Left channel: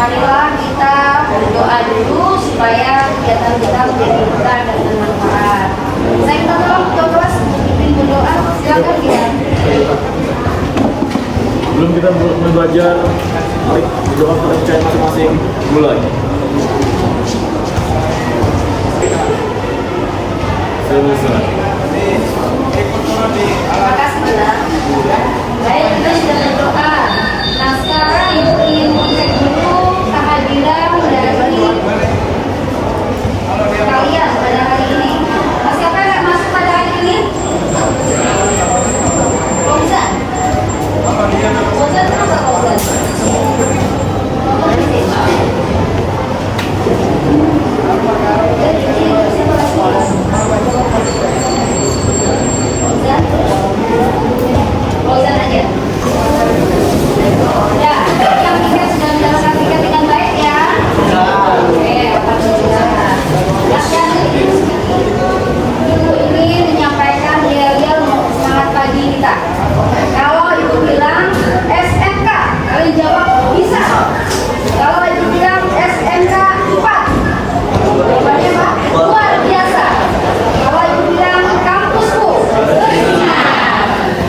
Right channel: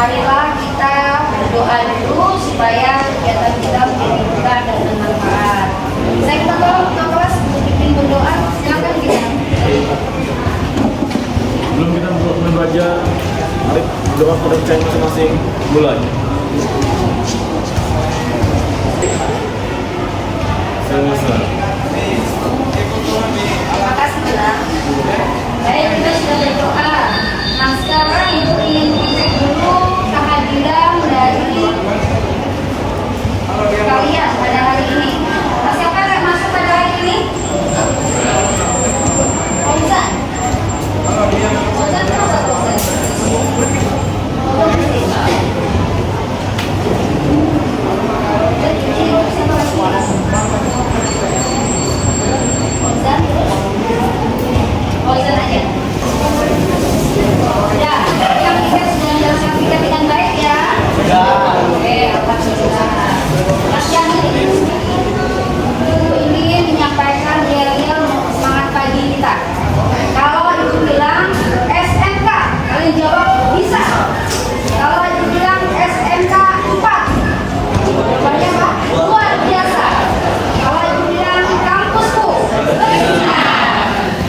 marilah kita berdoa dulu supaya kegiatan kita menjadi berkah dan bermanfaat. Saya minta tolong ketua kelas bimbing berdoa, silakan ya. Belum kita mulai belajar, mari berdoa pada percaya masing-masing. Mulai. Selesai. Terima kasih ya. Baik, kita sudah berdoa. Nah sekarang ingin mengecek dulu kehadiran dari kalian pada hari ini. Siapa yang masuk pada hari ini? Fauzan. Fauzan kenapa Fauzan? Fauzan aja. Ya, yang ingat sudah mendapatkan tiket dengan baik ya. Oke, alhamdulillah. Yang ingin menyampaikan yel-yel semangat pagi kita. Kalau ibu bilang SMK, kalian jawab bisa. Kalau ibu bilang SMK 4, jawabannya apa? Luar biasa. Kalau ibu bilang kampusku,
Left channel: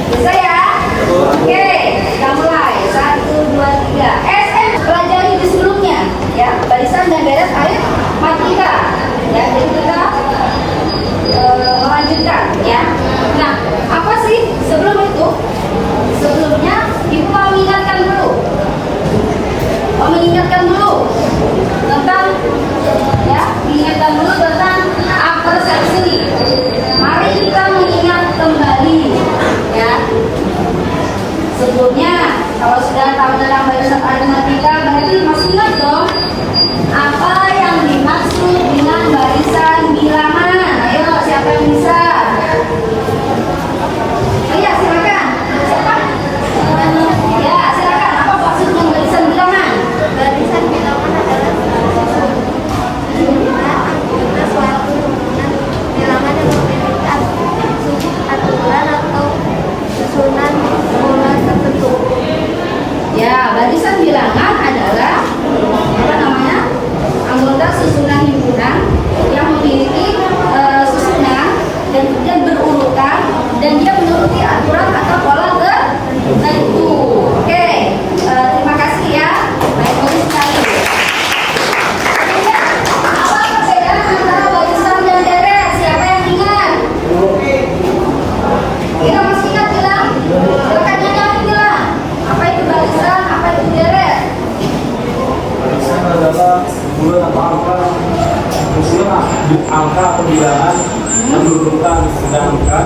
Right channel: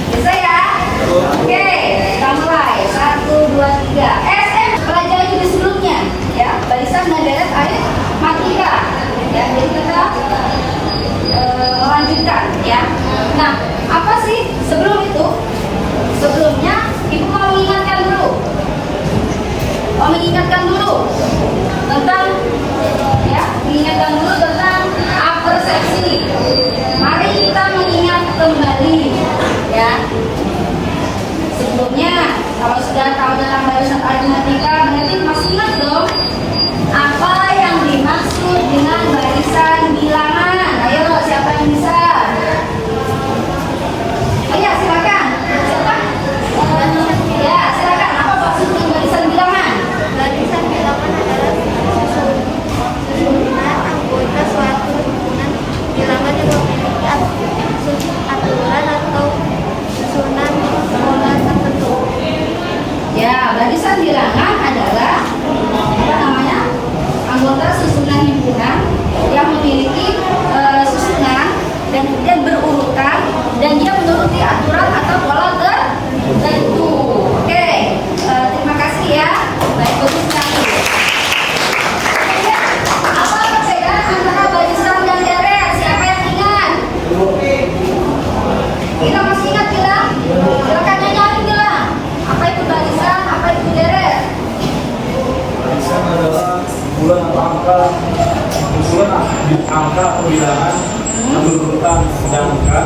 bisa ya? Oke, kita mulai. 1, 2, 3. SM pelajari di sebelumnya, ya. Barisan dan deret aritmatika. Ya, jadi kita melanjutkan, ya. Nah, apa sih sebelum itu? Sebelumnya, ibu mau mengingatkan dulu. Mengingatkan dulu tentang, ya, mengingatkan dulu tentang persepsi. Mari kita mengingat kembali, ya. Sebelumnya, kalau sudah tahu tentang barisan aritmatika, berarti masih ingat dong apa yang dimaksud dengan barisan bilangan. Ayo, siapa yang bisa? Iya, silakan. Siapa? Ya, silakan. Apa maksudnya barisan bilangan? Barisan bilangan adalah anggota suatu himpunan bilangan yang memiliki aturan atau susunan pola tertentu. Ya, barisan bilangan adalah apa namanya? Anggota susunan himpunan yang memiliki susunan dan berurutan dan dia menuruti aturan atau pola tertentu. Oke, terima kasih ya. Baik, bagus sekali. Apa perbedaan antara barisan dan deret? Siapa yang ingat? Kita masih ingat bilang? Silakan nyanyi bilang. Apa itu barisan? Apa itu deret? Barisan adalah kumpulan atau angka atau bilangan yang berurutan, sedangkan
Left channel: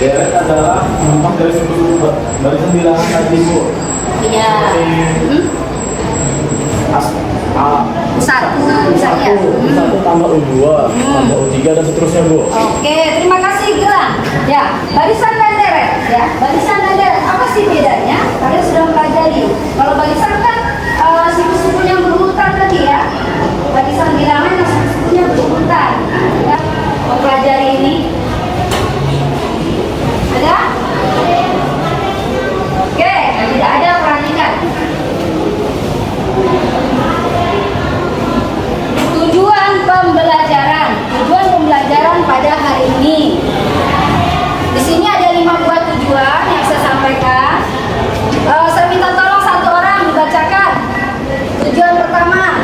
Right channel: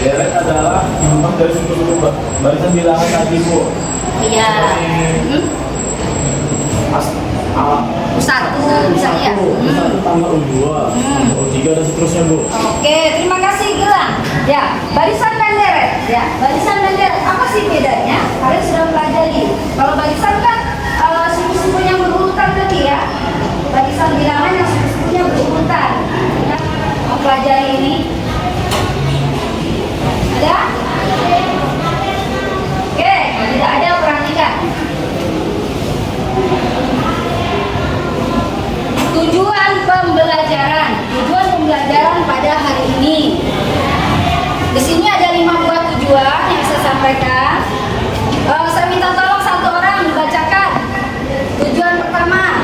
deret adalah memang dari satu barisan bilangan tadi bu. Iya. Satu misalnya. Satu tambah U2, tambah U3 dan seterusnya bu. Oke, terima kasih Gilang. Ya, barisan dan deret. Ya, barisan dan deret. Apa sih bedanya? Kalian sudah pelajari. Kalau barisan kan suku-suku yang berurutan tadi ya. Barisan bilangan yang suku-sukunya berurutan. Ya, mau pelajari ini. Ada? Oke, kalau tidak ada perhatikan. Tujuan pembelajaran pada hari ini. Di sini ada 5 buah tujuan yang saya sampaikan. Saya minta tolong satu orang dibacakan. Tujuan pertama,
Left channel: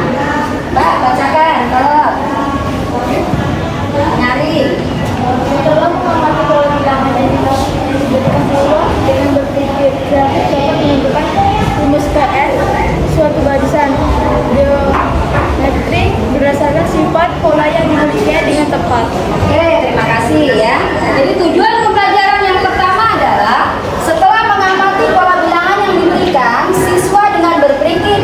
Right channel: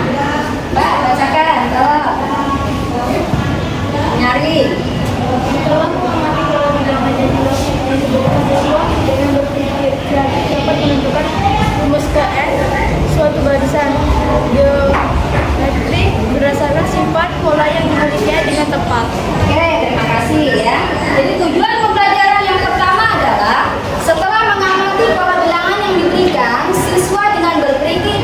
Mbak bacakan. Tolong. Nyari. Telah mengamati perundangan dan diberikan peluang dengan berpikir kreatif dapat menentukan rumus KN suatu barisan geometri berdasarkan sifat pola yang dimilikinya dengan tepat. Oke, terima kasih ya. Jadi tujuan pembelajaran yang pertama adalah setelah mengamati pola bilangan yang diberikan, siswa dengan berpikir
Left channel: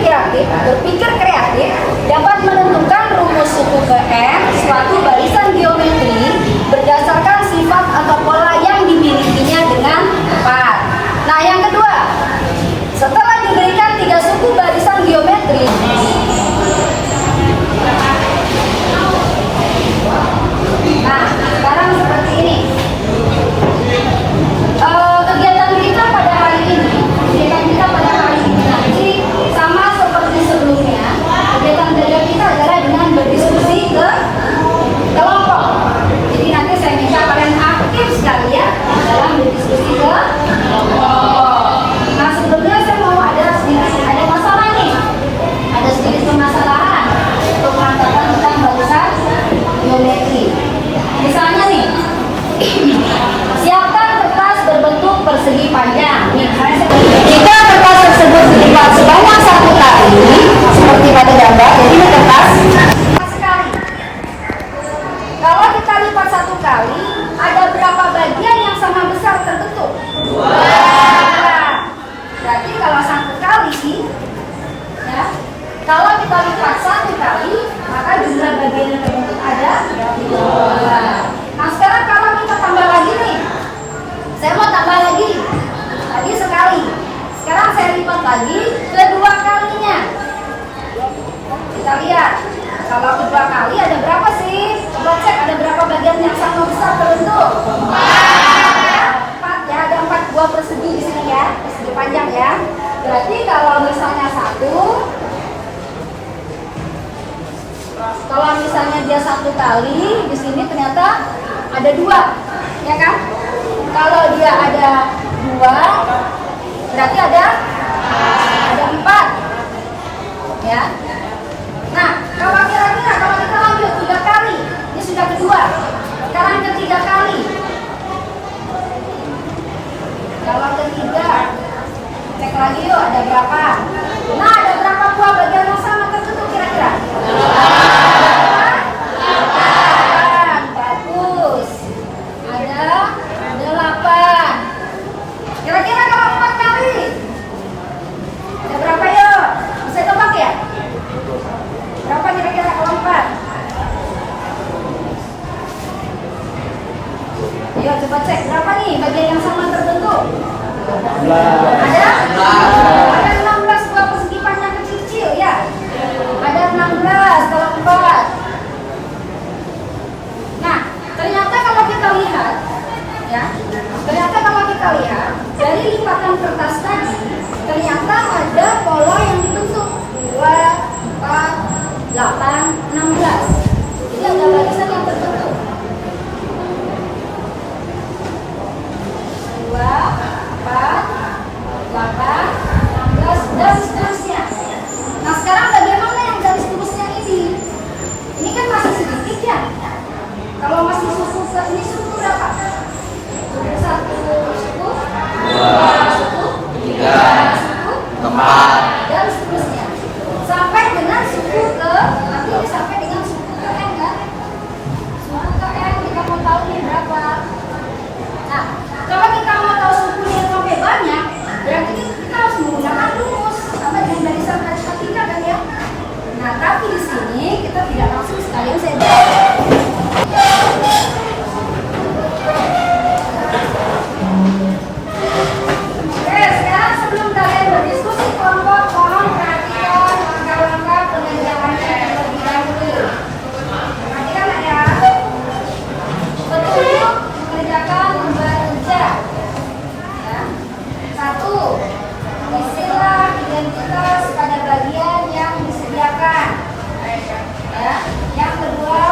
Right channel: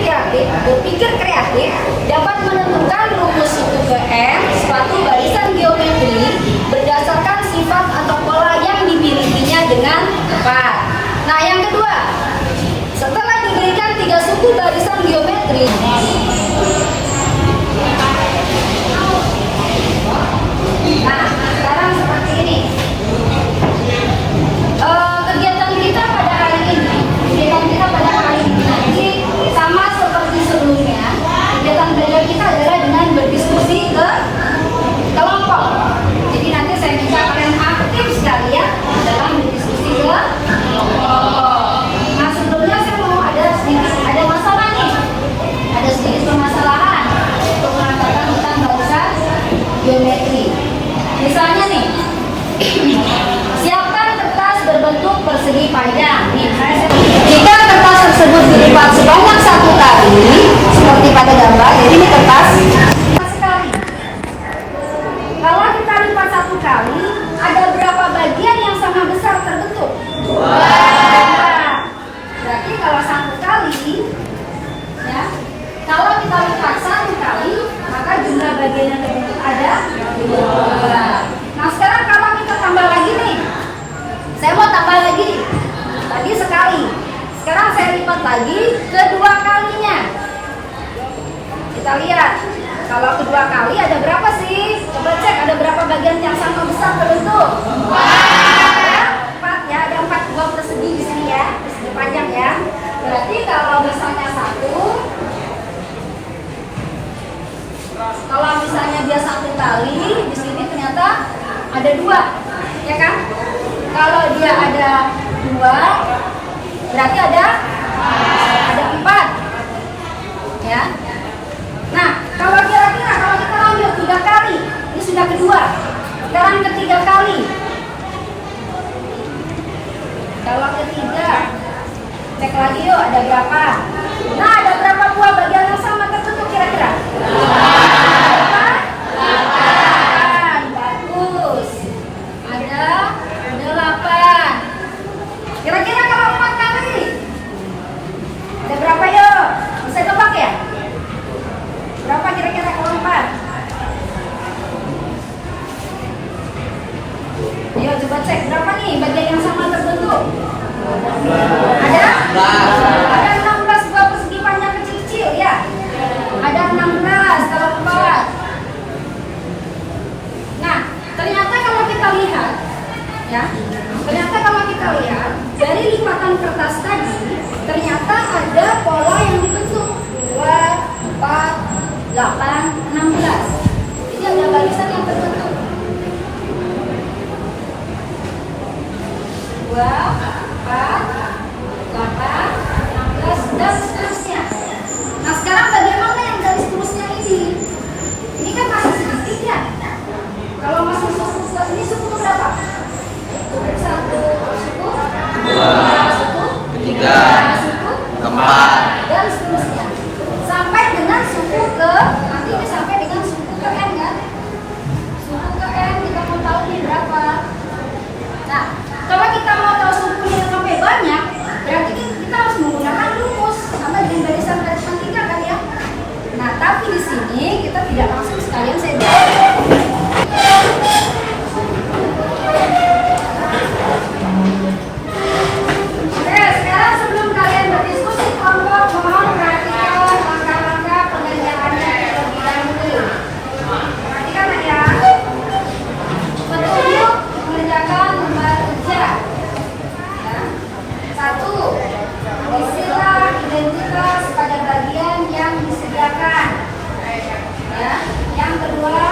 kreatif dapat menentukan rumus suku KN suatu barisan geometri berdasarkan sifat atau pola yang dimilikinya dengan tepat. Nah, yang kedua, setelah diberikan 3 suku barisan geometri, nah, sekarang seperti ini. Kegiatan kita pada hari ini nanti sama seperti sebelumnya. pakai gambar. Jadi ini kertas sekali. Kalau kita lipat satu kali, ada berapa bagian yang sama besar terbentuk? Berarti kalau satu kali, ya, kalau kita lipat satu kali, maka jumlah bagian yang terbentuk ada 2. Nah sekarang kalau kita tambah lagi nih, saya mau tambah lagi. Tadi sekali, sekarang saya lipat lagi kedua kalinya. Kita lihat, kalau kedua kali ada berapa sih? Coba cek, ada berapa bagian yang sama besar terbentuk? 4 ya, ada 4 buah persegi di sini ya, persegi panjang ya. Berarti kalau misalnya 1, kalau misalnya dia 1 kali, di sini ternyata ada 2, ya kan? Kalau dia ada 2, berarti ada 4, ya. Nah, kalau kira-kira kalau kita lanjut 3 kali, ini sudah kedua, sekarang ketiga kali. Kalau ketiga, cek lagi yuk, ada berapa? Nah, ada berapa buah bagian yang sama terbentuk kira-kira? 8. Bagus. Ada 8. Kira-kira kalau 4 kali, ada berapa yuk? Bisa tebak ya? Berapa kira-kira kalau 4? Ayo coba cek, berapa nih bagian yang sama terbentuk? Ada 16 buah persegi panjang kecil-kecil ya. Ada 16 kalau 4. Nah, ternyata kalau kita lihat, ya, ternyata kalau kita lihat dari lipatan kertas tadi, ternyata ada pola yang dibentuk 2, 4, 8, 16. Jadi ada barisan yang terbentuk 2, 4, 8, 16 dan seterusnya. Nah sekarang bagaimana yang garis lurusnya ini? Ini kan masih sedikit ya. Kalau masih suku ini suku berapa? 1 suku, 2 suku, 3 suku, 4 dan seterusnya. Sampai dengan suku ke, nanti ini sampai dengan suku ke N kan? Suku ke N kita mau tahu ini berapa. Nah, kalau kita mau tahu sukunya sampai banyak, berarti kita harus menggunakan rumus sampai dengan barisan garis ketiga kan ya. Nah, tapi di sini kita tidak langsung sekalian saya Oke, sekarang sebelum kalian berdiskusi kelompok, mohon perhatikan langkah-langkah pengerjaannya terlebih dahulu. Perhatikan ya. Petunjuk mengerjakan lembar kerja. Ya. 1. Isilah identitas pada bagian yang disediakan. Ya. Yang kedua,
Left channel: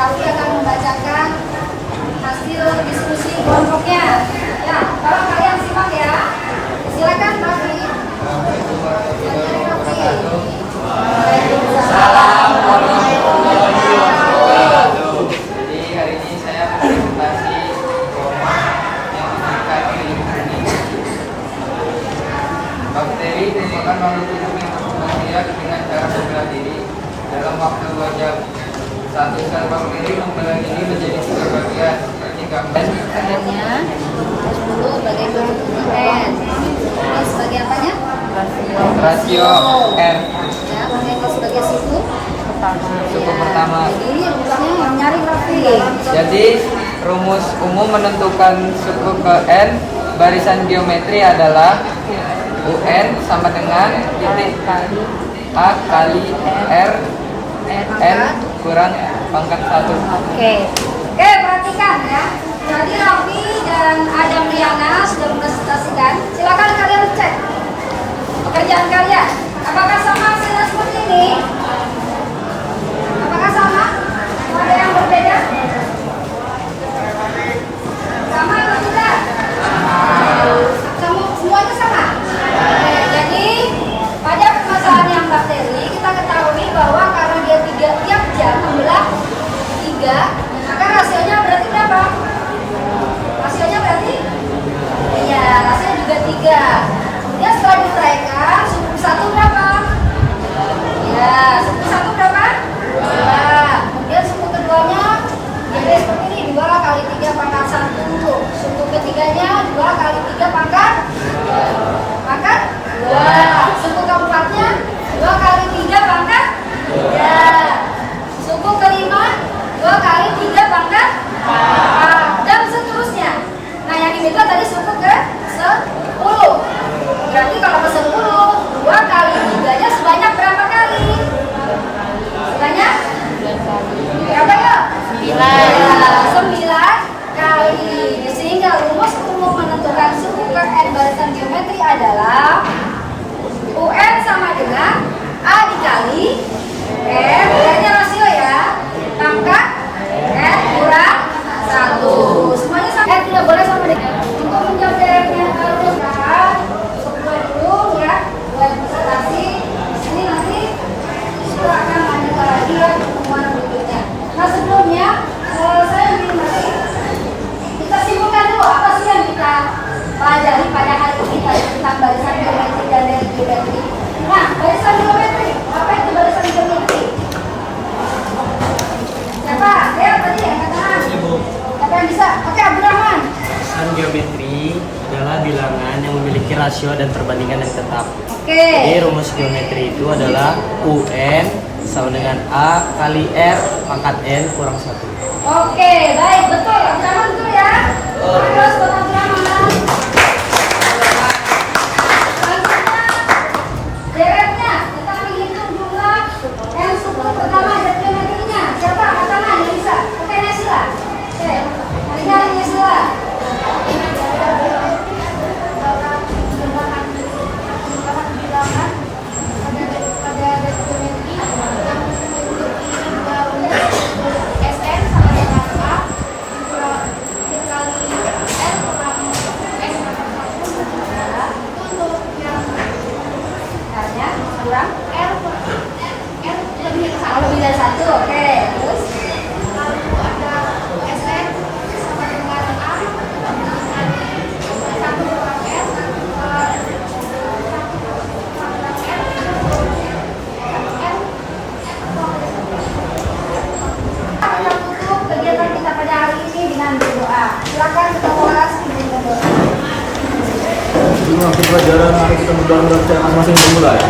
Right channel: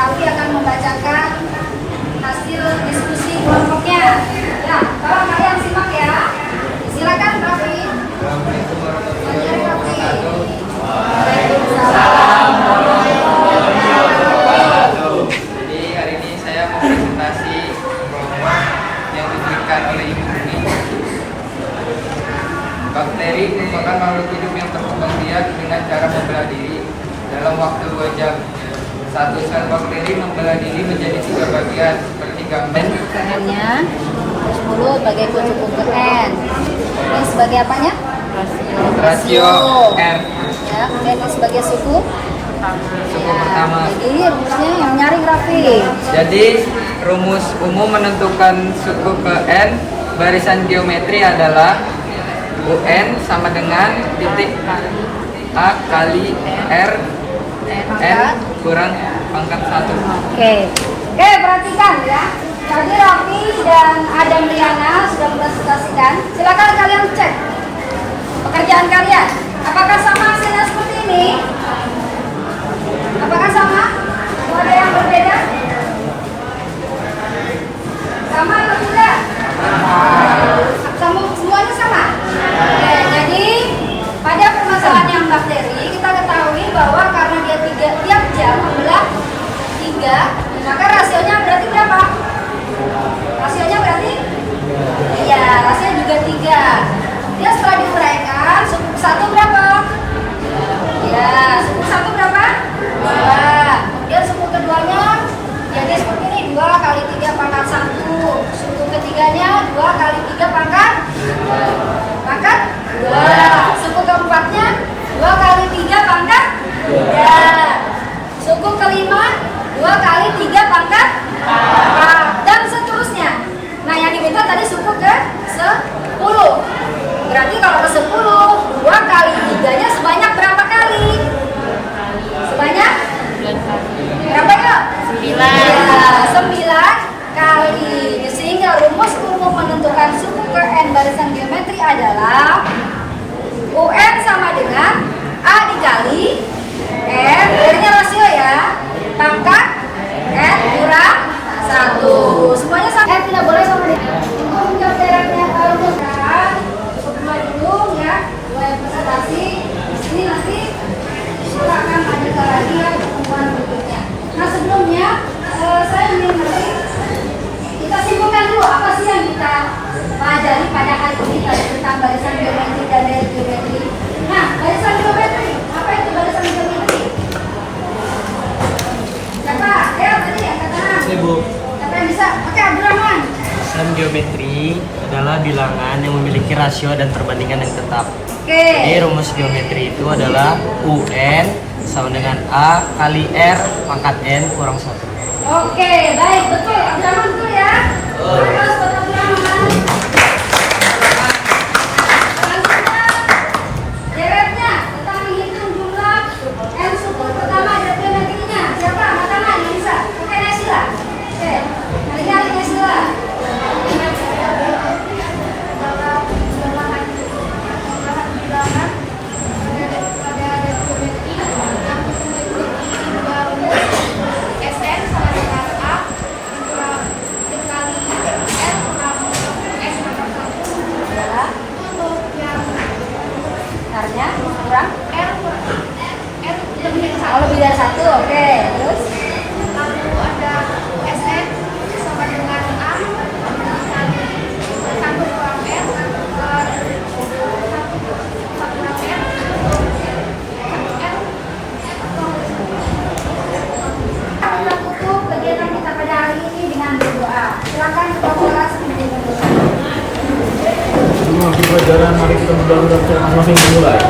Raffi akan membacakan hasil diskusi kelompoknya. Ya, kalau kalian simak ya. Silakan Raffi. Jadi hari ini saya akan presentasi kelompok yang diberikan oleh ibu ini. Bakteri merupakan makhluk hidup yang berkembang biak dengan cara membelah diri dalam waktu 2 jam. Satu sel bakteri membelah diri menjadi 3 bagian seperti gambar. Bagiannya mulut sebagai kutu-kutu N. Ini sebagai apanya? Rasio R. Ya, kemudian ini sebagai suku. Suku pertama. Ini bukannya yang nyari Raffi. Jadi rumus umum menentukan suku ke N barisan geometri adalah UN sama dengan titik A kali R N kurang pangkat 1. Oke, perhatikan ya. Tadi Raffi dan Adam Liana sudah presentasikan. Silakan kalian cek pekerjaan kalian. Apakah sama hasilnya seperti ini? Apakah sama? Atau ada yang berbeda? Sama atau tidak? Semuanya sama. Oke, jadi pada permasalahan yang bakteri kita ketahui bahwa karena dia tiap jam membelah 3, maka rasionya berarti berapa? Rasionya berarti? Iya, rasio juga 3. Kemudian setelah diuraikan, suku 1 berapa? Ya, suku 1 berapa? 2. Kemudian suku keduanya jadi seperti ini, 2 kali 3 pangkat 1. Suku ketiganya 2 kali 3 pangkat 2. Suku keempatnya 2 kali 3 pangkat 3. Suku kelima 2 kali 3 pangkat 4. Dan seterusnya. Nah, yang diminta tadi suku ke 10. Berarti kalau ke 10, 2 kali 3-nya sebanyak berapa kali? Sebanyak? Berapa ya? 9 kali. Sehingga rumus umum menentukan suku ke N barisan geometri adalah UN sama dengan A dikali N, R-nya rasio ya, pangkat N kurang 1. Semuanya sama. N tidak boleh sama dengan. Untuk menjawab directnya rumus kedua dulu ya, 2 presentasi. Ini nanti silakan lanjutkan lagi ya pertemuan berikutnya. Nah, sebelumnya saya ingin nanti kita simpulkan dulu apa sih yang kita pelajari pada hari ini tentang barisan geometri dan dari geometri. Nah, barisan geometri, apa itu barisan geometri? Siapa? Ya, tadi ya, katakan. Ibu, Siapa yang bisa? Oke, Abdurrahman. barisan geometri adalah bilangan yang memiliki rasio dan perbandingan yang tetap. Oke. Jadi rumus geometri itu adalah UN sama dengan A kali R pangkat N kurang 1. Oke, baik, betul. Abdurrahman betul ya. Terus Abdurrahman. Deretnya, kita menghitung jumlah N suku pertama ada geometrinya. Siapa? Katakan yang bisa. Oke, Nesila. Oke, kalian Nesila. SN sama dengan A dikali R kurang N pangkat 1 untuk yang hanya kurang R lebih dari 1. Oke, terus lalu ada SN sama dengan A dikali 1 kurang R 1 kurang R kita tutup kegiatan kita pada hari ini dengan berdoa. Silakan kita mulai sebelum berdoa. Sebelum akhir pelajaran, mari kita berdoa untuk saya masing-masing dimulai.